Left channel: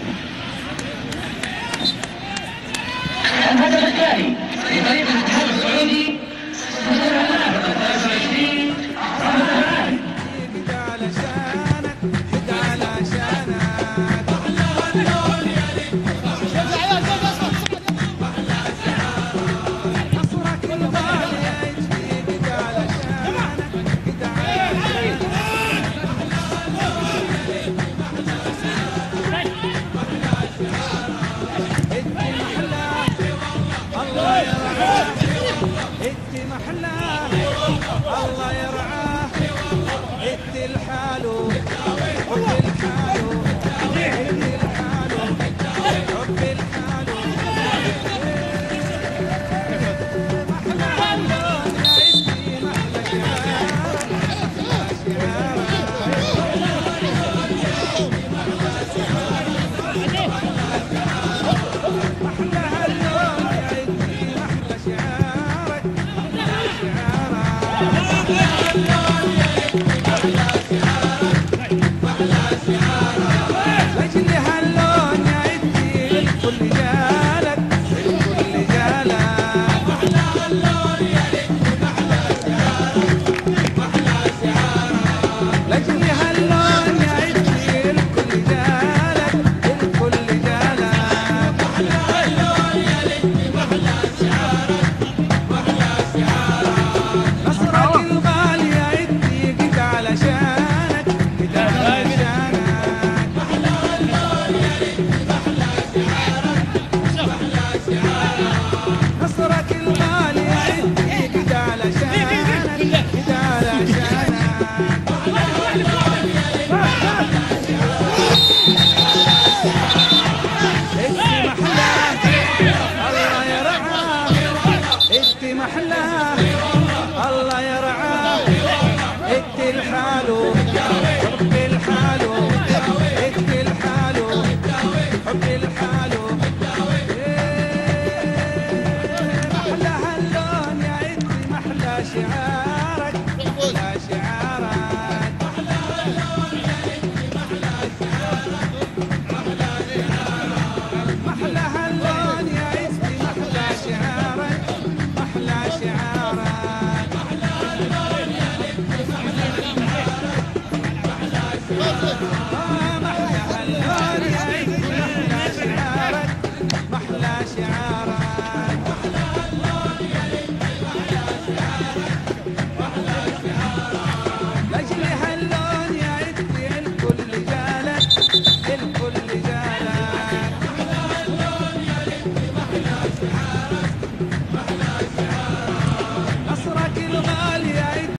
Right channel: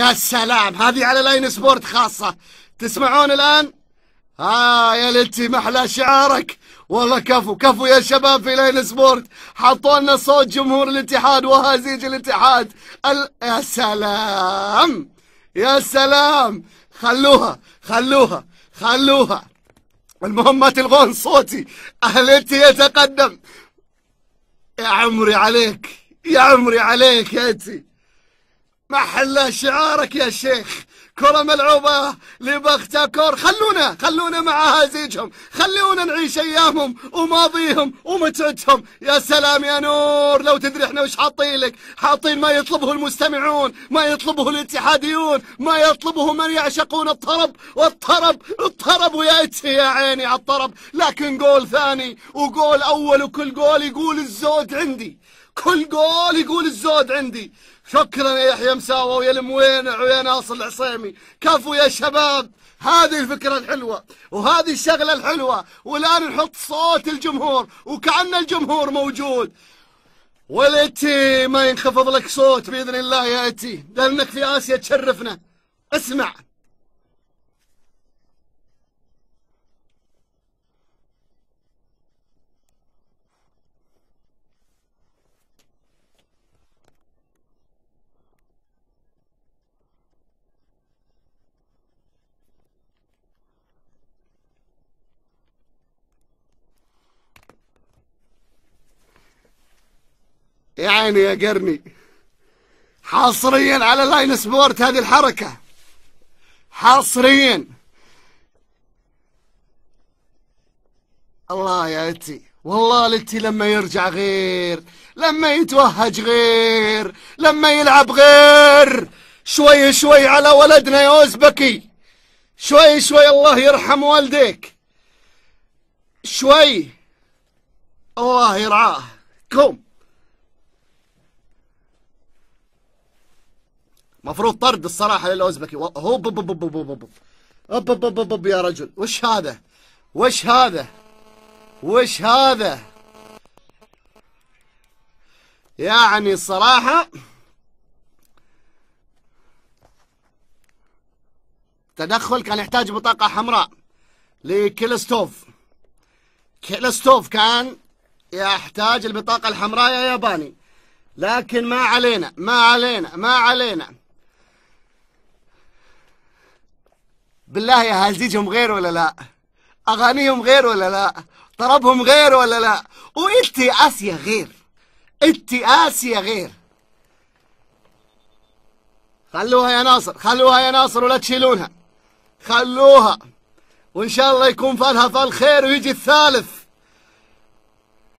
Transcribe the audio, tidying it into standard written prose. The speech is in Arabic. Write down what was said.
يا سلام، هذه على لاين سبورت خاصة. تسمعون الآن؟ يا لتي محلى شعارك. والله كفو يا شباب في لاين سبورت، حطوا لنا صوت جمهور الاتحاد وهزيج الاتحاد. يا سلام يا سلام، خلوها. المهم ما تلغون صوتي. أهلتي يتقدم. يا عمري عليك انت. محلى شعارك يا شيخ. كرة ملعوبة لبختكور. خلونا مع هزيجهم، خلونا نعيش ايامهم وماضيهم ومجدهم. يا سلام يا نور، لو تدري احنا وش حاطين ما يطلبه المستمعون، ما يطلبه الاتحاديون، ما يطلبه من يعشقون الطرب والطرب ويأتي يا عيني على الطرب. لكن جول ثاني وجول اول، وكل جول يقول الزود عندي، شكرا يا يحيى مساوي ويا الموينع ويا ناصر الحسين. كفو يا شباب، هذه الفكرة الحلوة وهذه الشغلة الحلوة. والآن نحط صوت الجمهور وكأن الجمهور موجود. والإتي ما ينخفض لك صوت بإذن الله يا إتي، لأنك في آسيا تشرفني. اسمع. يا قربي، حصريا على لاين سبورت هذه الحركة، حصريا. والله لتي لما يرجع غير، لما يتوهج غير، لما يلعب غير. شوي على ولدنا يا اوزبكي، شوي الله يرحم والديك. شوي الله يرعاه. مفروض طرد الصراحة للأوزبكي. يا رجل، وش هذا؟ يعني الصراحة تدخل كان يحتاج بطاقة حمراء لكيلستوف. كان يحتاج البطاقة الحمراء يا ياباني، لكن ما علينا. بالله يا هزيجهم غير ولا لا؟ أغانيهم غير ولا لا؟ طربهم غير ولا لا؟ وإنتي آسيا غير. خلوها يا ناصر ولا تشيلونها. خلوها، وإن شاء الله يكون فالها فال خير ويجي الثالث.